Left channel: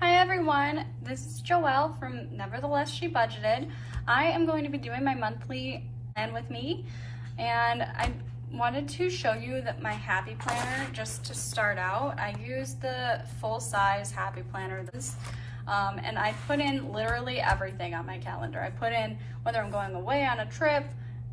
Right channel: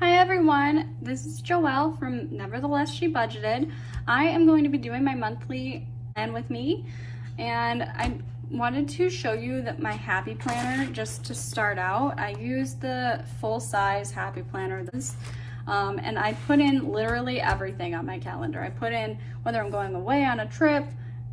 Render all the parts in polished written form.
Hi everyone, this is Joelle from Nevertheless She Budgeted. I am going to be doing my monthly plan with me, and I wanted to show you that my Happy Planner. Just to start out, I use the full-size Happy Planner, and I put in literally everything on my calendar. I put in whether I'm going away on a trip,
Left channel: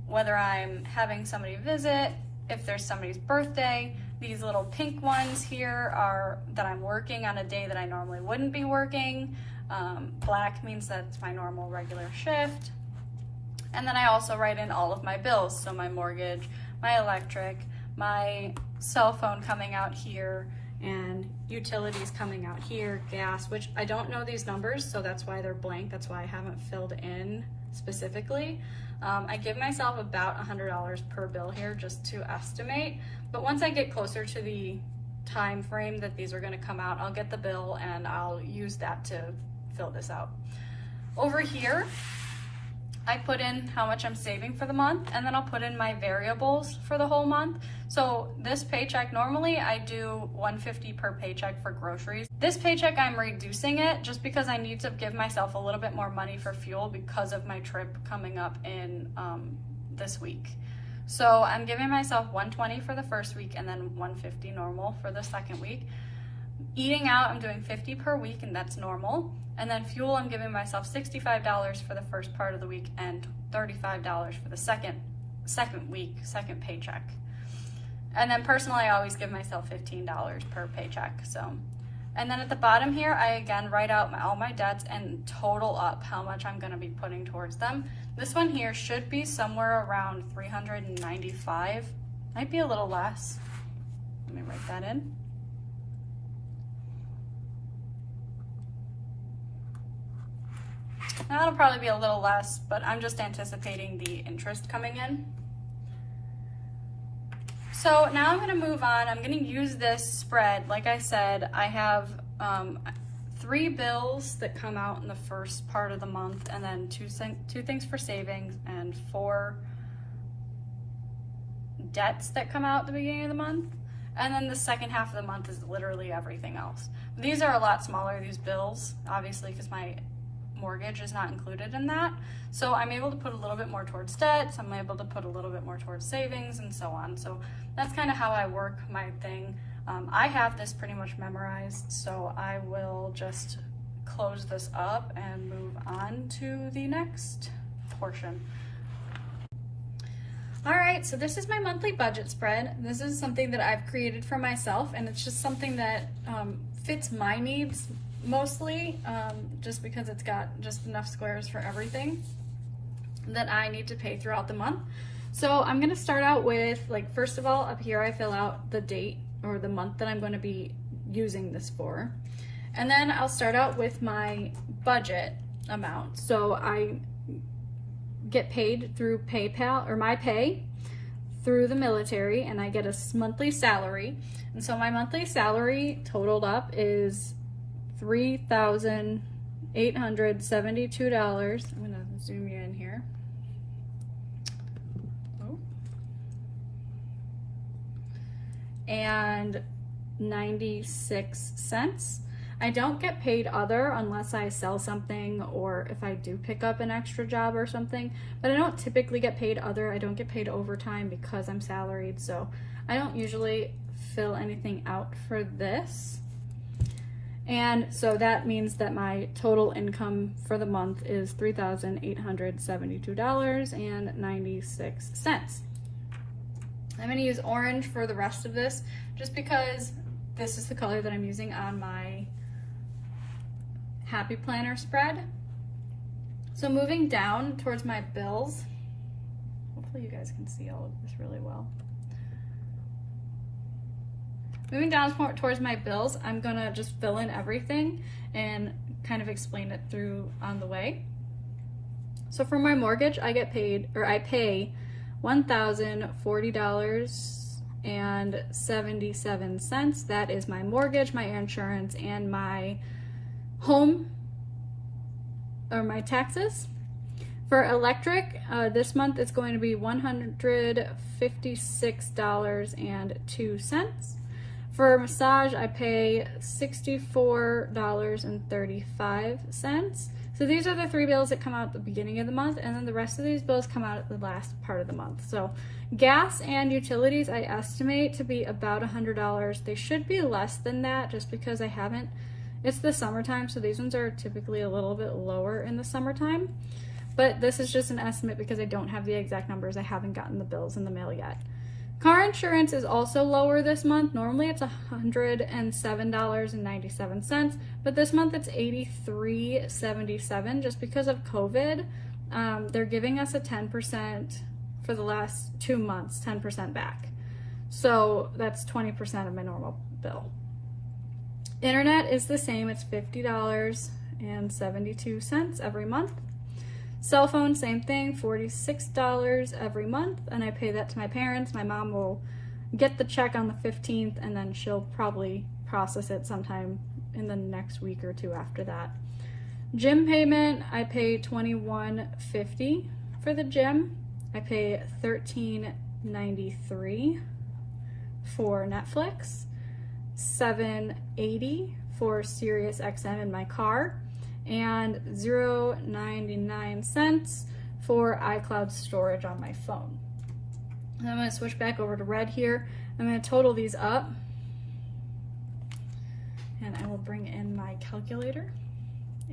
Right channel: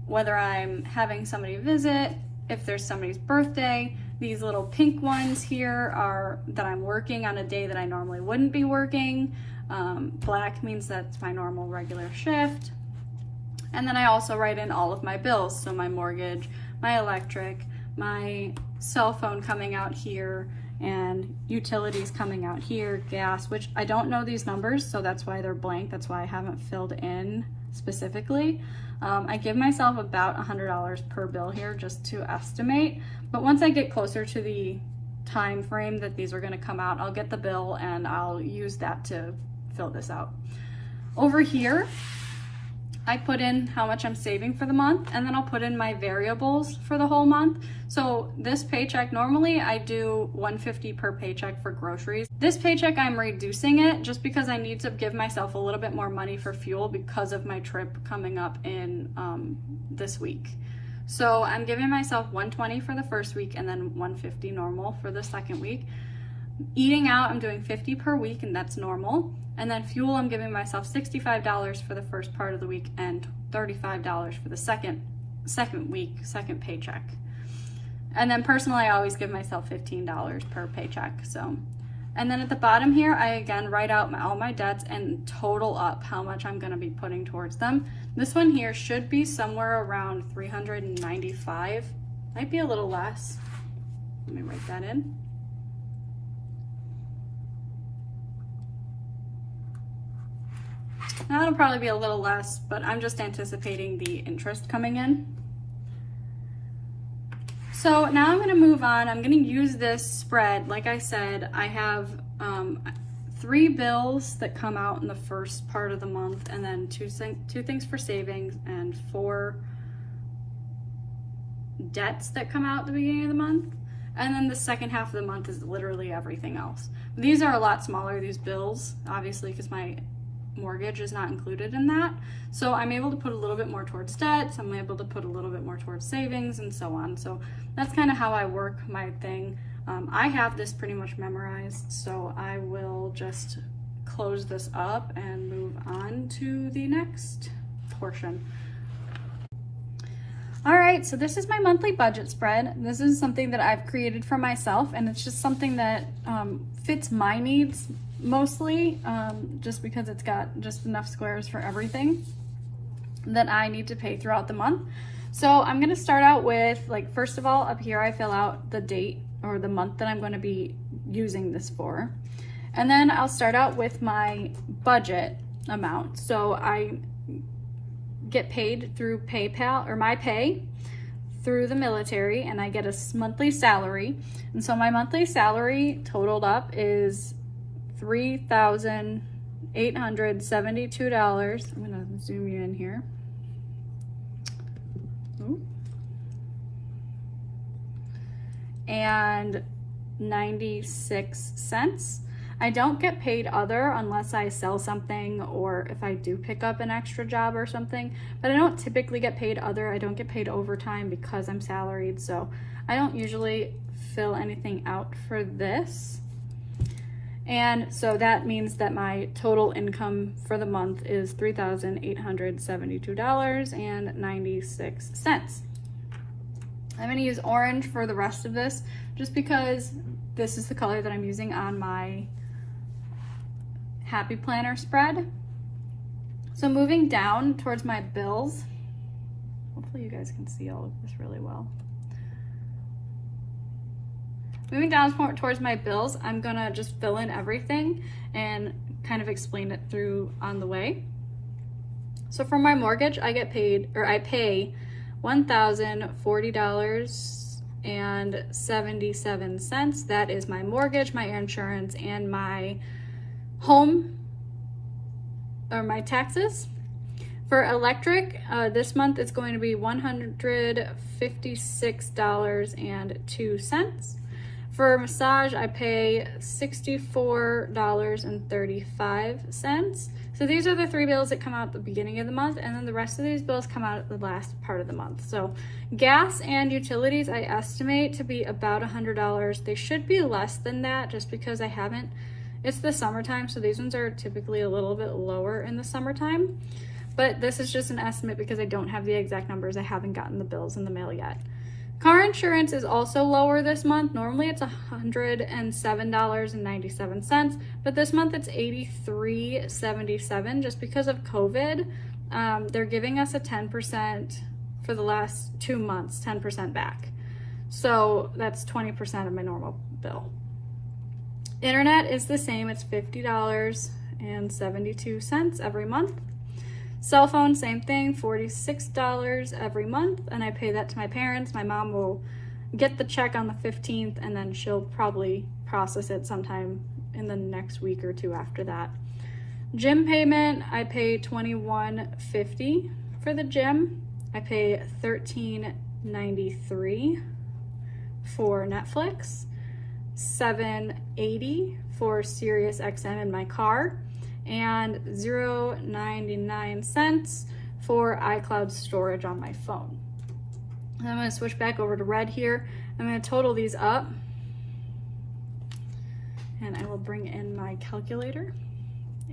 whether I'm having somebody visit, if there's somebody's birthday. These little pink ones here are that I'm working on a day that I normally wouldn't be working. Black means that's my normal regular shift. And then I also write in all of my bills. So my mortgage, my electric, my cell phone coming out here, and utilities coming out here, gas, which I don't know these numbers, so that's why they're blank. That's why I haven't filled in specifically. I give myself about $100 per bill here just to estimate, but once I get closer to the time frame that these are going to come out, I'll get the bill and I'll use that to fill this out. Over here, I put in how much I'm saving for the month, and then I'll put in my variables for the whole month. So this paycheck, normally I do $150 per paycheck for groceries. This paycheck I'm reducing it just because I need to give myself a little bit more money for fuel because of my trip coming up in this week. So I'm giving myself $120 for the first week and then $150 normal for the second week. Eating out, I'm doing $50 per week, and that's normal. And then fuel, I'm giving myself $65 for the first part of the week and $35 for the second paycheck. And then personally, I always give myself $15 per paycheck. So, and then at the bottom here, I again write out all my debts and total up how much I'm going to be putting towards them. This one here should be somewhere around $395, might be a little less. Let me write that in. Now it'll probably be a little less, but I'm just anticipating the interest coming in. So now I'm going to move on. I'm going to use this spread. Like I said, I have 3 bills that come out in the first part of the month, and then two things for savings, and 4 debts that come out at the beginning of the month. And then the second half of the month is literally everything else. These are a lot smaller, these bills, obviously, because my mortgage is not included in that. So I'm able to put a little bit more towards debts, I'm able to put a little bit more towards savings, and so on. So that's kind of how I work my thing. I have this pretty much memorized, so I will just close this up and move on to the next portion. All right, so this is my monthly budget spread. This is something that I've created for myself, and it's just something that fits my needs mostly, just because it's got just enough squares for everything that I need to pay throughout the month. So I'm going to start out with, like, first of all, up here I fill out the date or the month that I'm going to be using this for, and then I'll start out with my budget amount. So I get paid through PayPal, or my pay through the military, and I get a monthly salary, and so my monthly salary totaled up is $3,872. I'm gonna zoom you in here. Ooh. And 96 cents. I don't get paid other unless I sell something or if I do pick up an extra job or something, but I don't typically get paid other. I don't get paid overtime because I'm salaried, so I don't usually fill anything out for this. And so that means that my total income for the month is $3,872.96. I'm going to use orange for the rest of this just because this is the color that I'm using on my Happy Planner spread. So moving down towards my bills, hopefully you guys can see all of this really well. Moving down towards my bills, I'm gonna just fill in everything and kind of explain it through on the way. So for my mortgage, I pay $1,040.77. That is my mortgage, my insurance, and my home, or my taxes. For electric, this month it's going to be $156.02. For a massage, I pay $64.35. So these are the 3 bills that come out at the beginning of the month, and then the rest of these bills come out at the last part of the month. So gas and utilities, I estimate to be about $100. They should be less than that just because it's the summertime, so these ones are typically a little bit lower in the summertime. But this is just an estimate because I don't have the exact numbers. I haven't gotten the bills in the mail yet. Car insurance is also lower this month. Normally it's $107.97, but this month it's $83.77 just because of COVID. They're giving us a 10% for the last 2 months, 10% back. So that's 20% of my normal bill. Internet is the same, it's $50.72 every month. Cell phone, same thing, $46 every month, and I pay that to my parents. My mom will get the check on the 15th, and then she'll probably process it sometime in the next week or 2 after that. Gym payment, I pay $21.50 for the gym. I pay $13.93 for Netflix, $7.80 for SiriusXM in my car, and $0.99 for iCloud storage on my phone. And I'm going to switch back over to red here. I'm going to total these up, and I will bring in my calculator,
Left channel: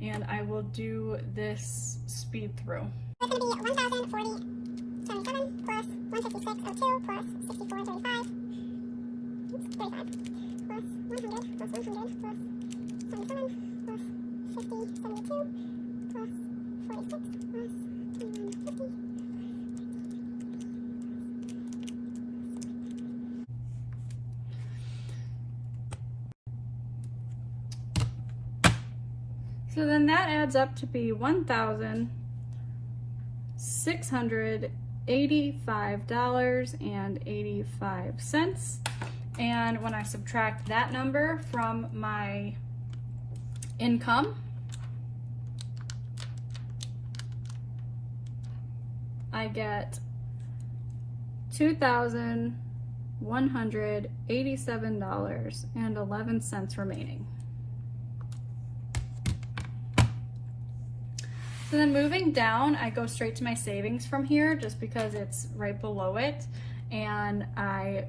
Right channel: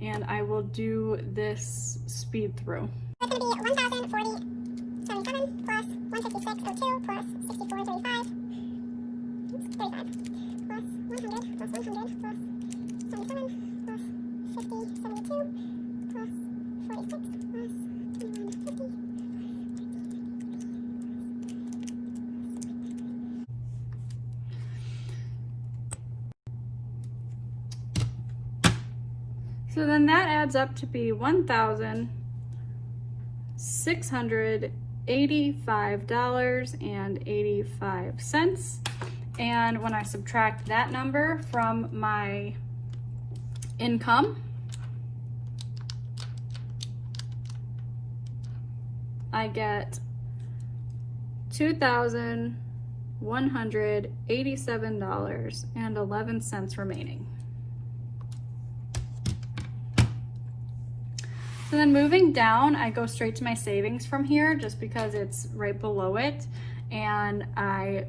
and I will do this speed through. It's going to be 1,040.77 plus 156.02 plus 64.35. So then that adds up to be $1,685.85. And when I subtract that number from my income, I get $2,187.11 remaining. So then moving down, I go straight to my savings from here just because it's right below it, and I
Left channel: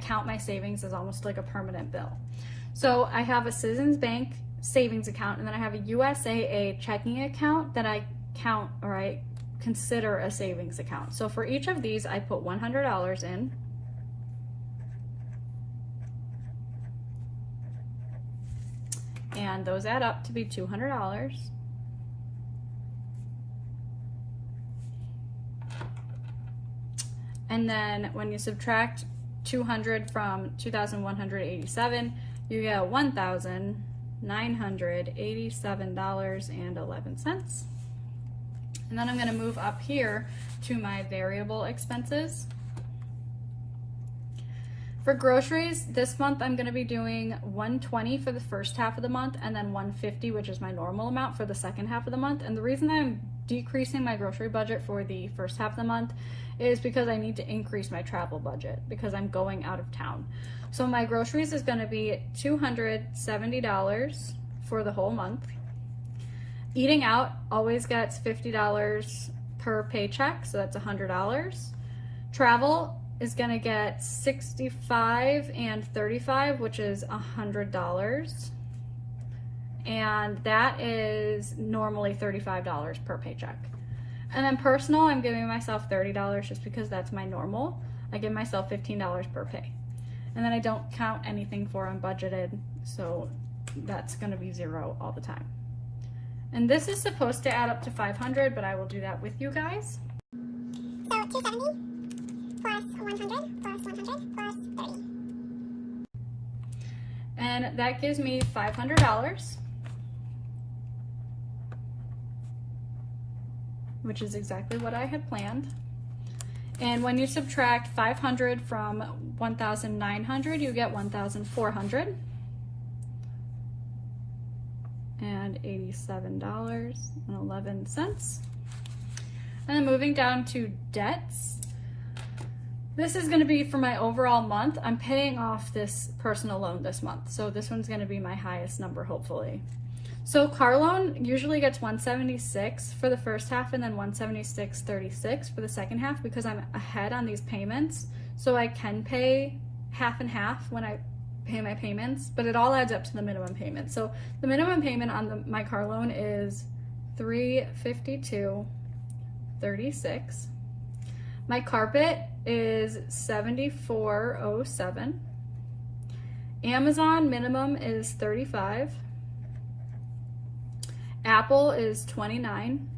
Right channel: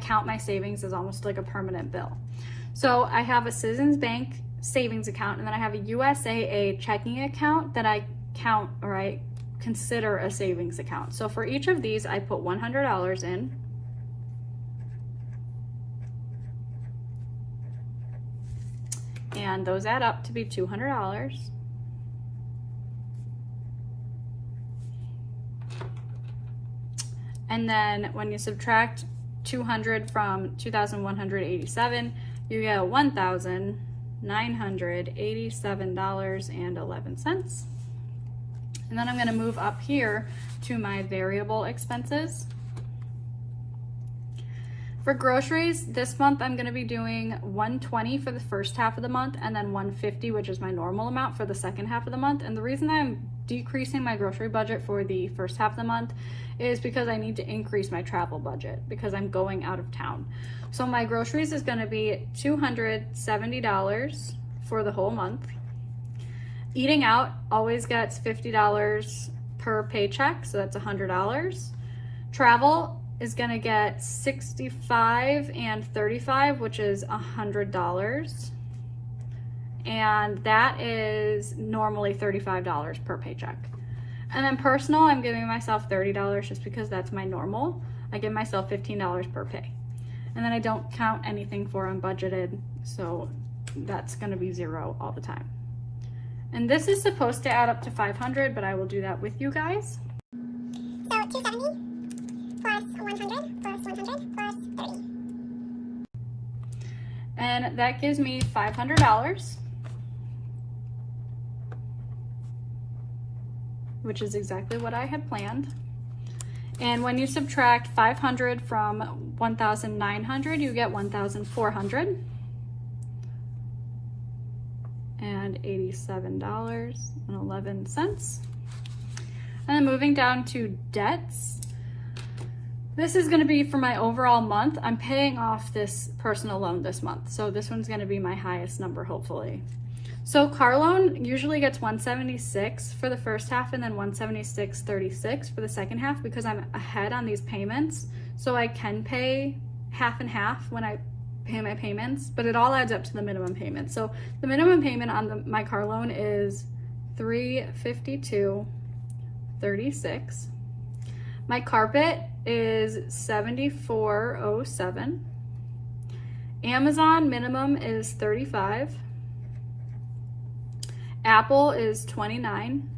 count my savings as almost like a permanent bill. So I have a Citizens Bank savings account, and then I have a USAA checking account that I count, or I consider a savings account. So for each of these, I put $100 in. And those add up to be $200. And then when you subtract 200 from 2,187, you get $1,987.11. And then I'm going to move up here to my variable expenses. For groceries, this month I'm going to be doing $120 for the first half of the month, and then $150, which is my normal amount, for the second half of the month. And the reason I'm decreasing my grocery budget for the first half of the month is because I need to increase my travel budget because I'm going out of town. So my groceries is going to be $270 for the whole month. Eating out always gets $50 per paycheck, so that's $100. Travel is going to get $65 and $35, which is $100. And that is normally $35 per paycheck. And then personal, I'm giving myself $30 just because that's my normal. I give myself $15 per pay. And then I don't count anything for unbudgeted, so that's gonna be $0 all the time. And this is supposed to add up to $500, but I will do that with you guys. So 270 plus 100 plus 100 plus 30. And that gives me $500. Which is exactly what I had planned. And when you subtract 500 from 1,900, you get 1,400 and $87.11. And then moving down to debts, this is gonna be for my overall month. I'm paying off this personal loan this month, so this one's gonna be my highest number, hopefully. So car loan usually gets 176 for the first half and then 176.36 for the second half because I'm ahead on these payments. So I can pay half and half when I pay my payments, but it all adds up to the minimum payment. So the minimum payment on my car loan is $352.36. My carpet is $74.07. Amazon minimum is $35. Apple is $29.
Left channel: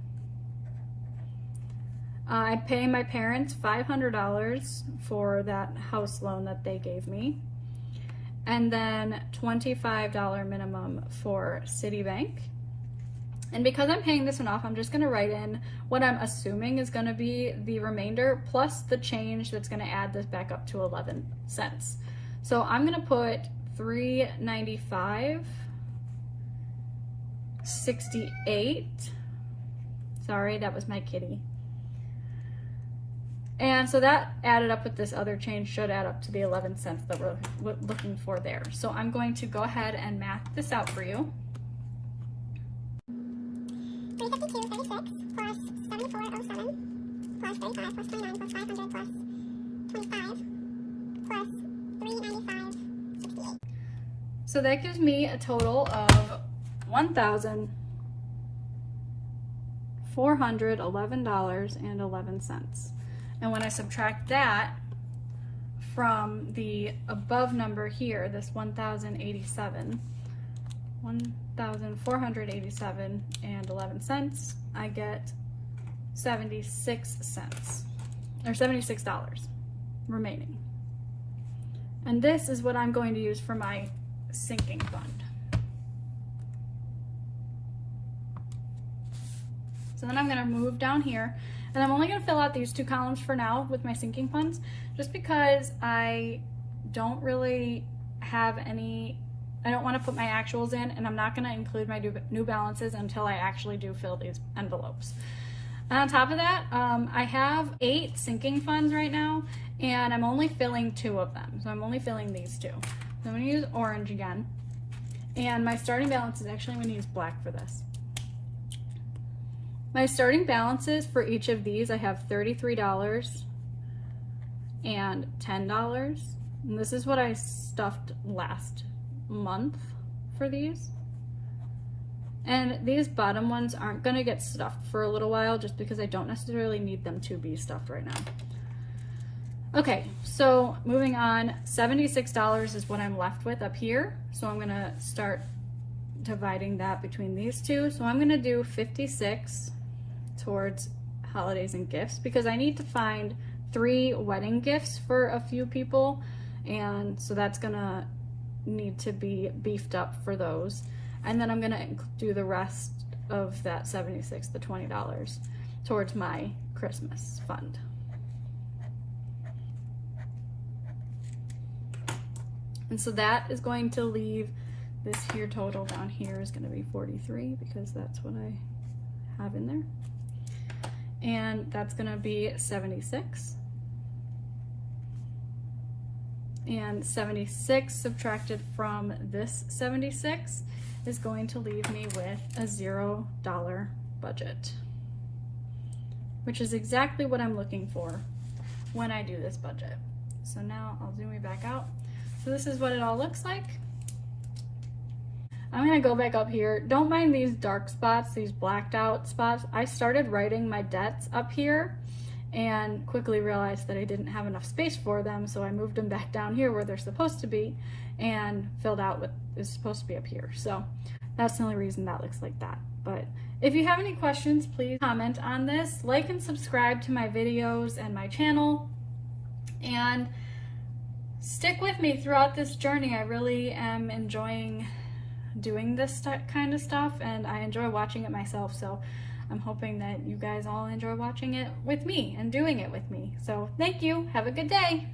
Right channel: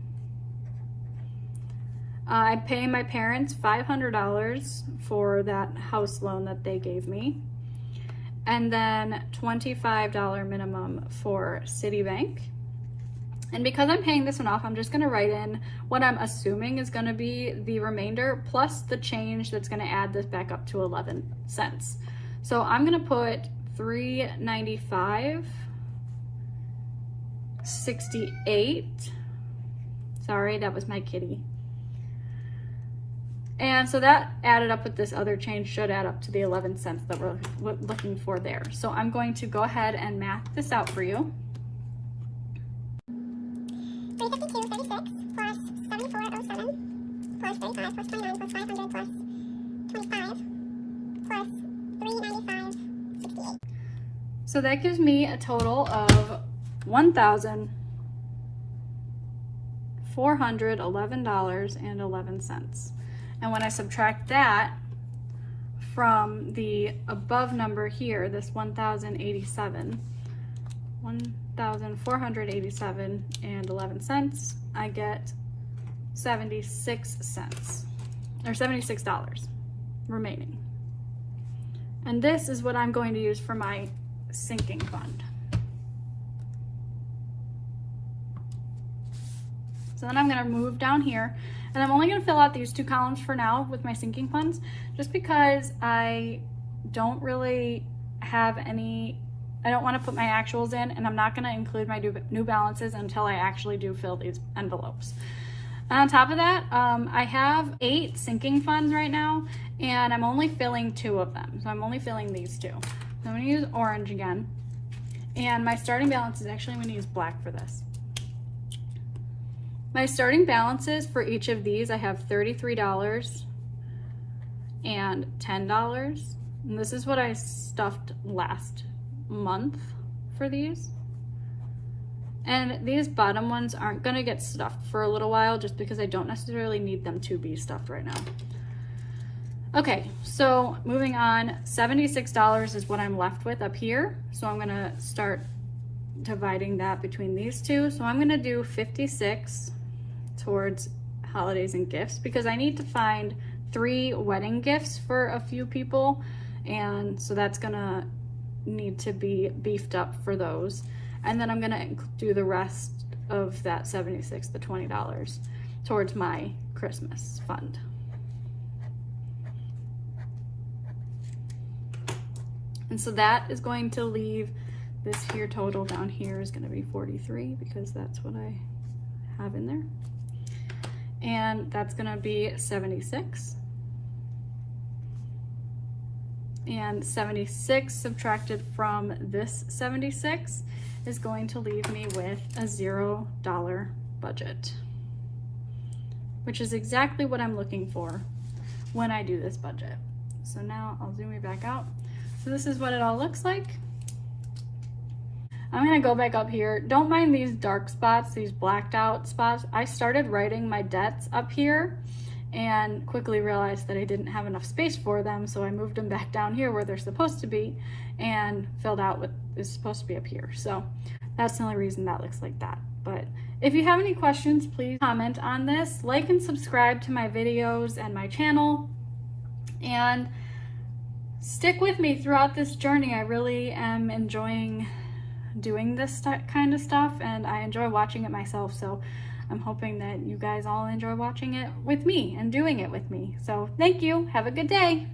I pay my parents $500 for that house loan that they gave me. And then $25 minimum for Citibank. And because I'm paying this one off, I'm just gonna write in what I'm assuming is gonna be the remainder plus the change that's gonna add this back up to 11 cents. So I'm gonna put $395.68. Sorry, that was my kitty. And so that added up with this other change should add up to the 11 cents that we're looking for there. So I'm going to go ahead and math this out for you. 352.36 plus 74.07 plus 35 plus 29 plus 500 plus 25 plus 395.68. So that gives me a total of $1,411.11. And when I subtract that from the above number here, this 1,487.11, I get 76 cents, or $76 remaining. And this is what I'm going to use for my sinking fund. So then I'm going to move down here, and I'm only going to fill out these two columns for now with my sinking funds, just because I don't really have any, I don't want to put my actuals in, and I'm not going to include my new balances until I actually do fill these envelopes. And on top of that, I have 8 sinking funds right now, and I'm only filling 2 of them. So I'm only filling these 2. So I'm going to use orange again, and my starting balance is actually, I'm going to use black for this. My starting balances for each of these, I have $33 and $10. And this is what I stuffed last month for these. And these bottom ones aren't gonna get stuffed for a little while just because I don't necessarily need them to be stuffed right now. Okay, so moving on, $76 is what I'm left with up here. So I'm gonna start dividing that between these two. So I'm gonna do 56 towards holidays and gifts because I need to find 3 wedding gifts for a few people, and so that's gonna need to be beefed up for those. And then I'm gonna do the rest of that 76, the $20, towards my Christmas fund. And so that is going to leave this here total down here is gonna be 43 because that's what I have in there. And that's gonna be 76. And 76 subtracted from this 76 is going to leave me with a $0 budget, which is exactly what I'm looking for when I do this budget. So now I'll zoom it back out. So this is what it all looks like. I'm gonna go back up here. Don't mind these dark spots, these blacked out spots. I started writing my debts up here and quickly realized that I didn't have enough space for them, so I moved them back down here where they're supposed to be and filled out what is supposed to be up here. So that's the only reason that looks like that. But if you have any questions, please comment on this. Like and subscribe to my videos and my channel. And stick with me throughout this journey. I really am enjoying doing this kind of stuff, and I enjoy watching it myself, so I'm hoping that you guys all enjoy watching it with me and doing it with me. So thank you. Have a good day.